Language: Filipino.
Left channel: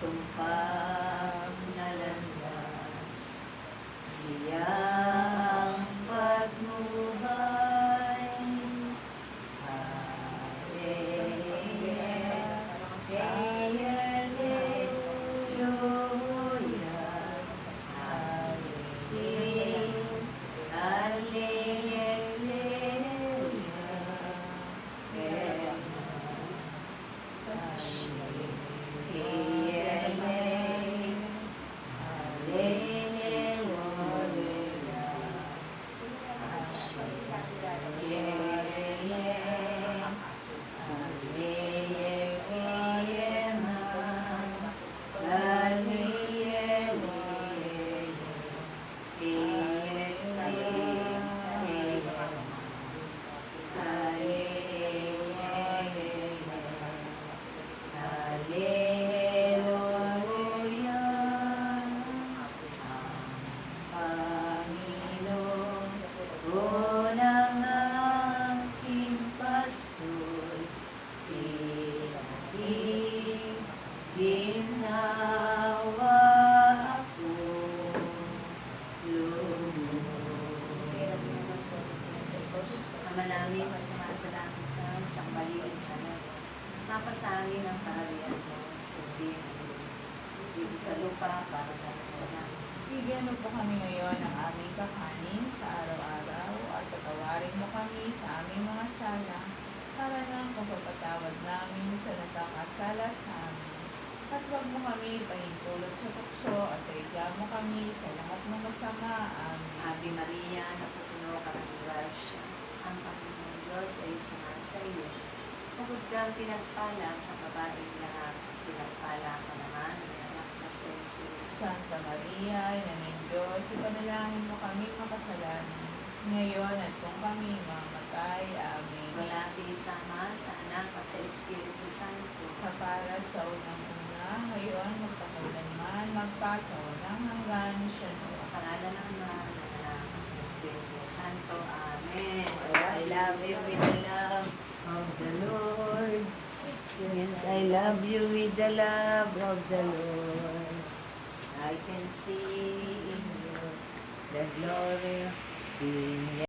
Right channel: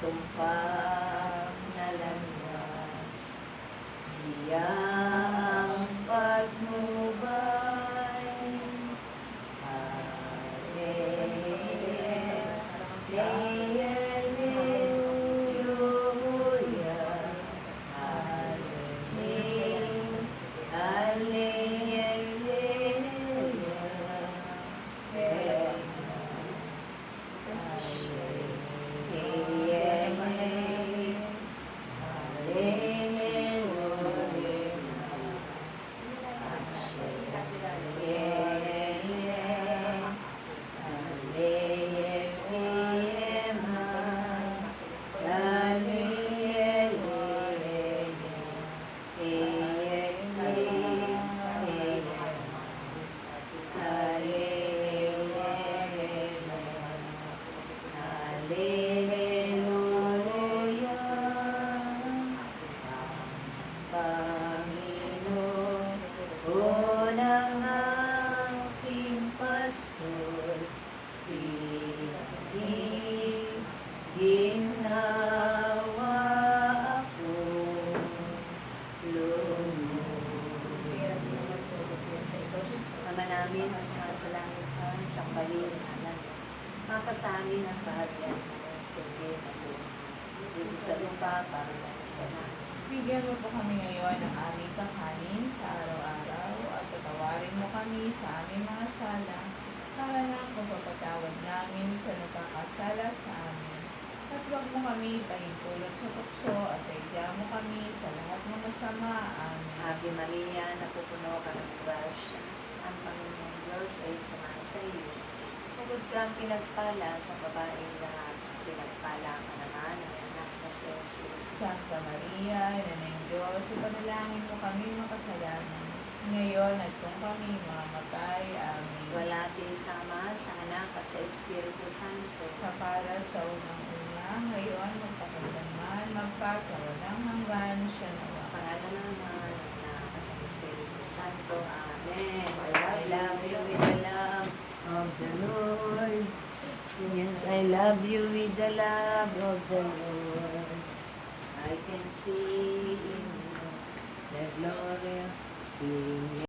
tumpag na landas. Siya ang patnubay. Ginawa ako Ama namin, sa langit ka, sa maliit ka, napasamin ang kaharian mo, sabihin mo, dito sa lupa, para sa langit. Bigyan mo po kami ngayon ng aming kakanin sa araw-araw at patawarin mo kami sa aming mga sala para na pagpapatawad namin sa nakakasala sa amin. At huwag mo kami pahintulot sa tukso at taigyan mo kami sa lahat ng masama. Amen. Ave Maria, napupuno ka ng grasya, ang Panginoong Diyos ay sumasa iyo. Tugod kang pinagpala sa babaeng lahat, pinagpala ka naman ng anak na si Jesus. Santa Maria, Ina ng Diyos, ipanalangin mo kami makasalanan, ngayon at kung kami mamamatay. Amen. Wala isama sa anak at sa Espiritu Santo. Na para sa unang-una, ngayon, magpakailanman, magpasawalang hanggan siya na. Sa ngalan ng Ama, ng Anak, at ng Espiritu Santo. Amen. I love you with the love of the Lord. Yes, I love you with the love of the Lord. I can see in you the glory of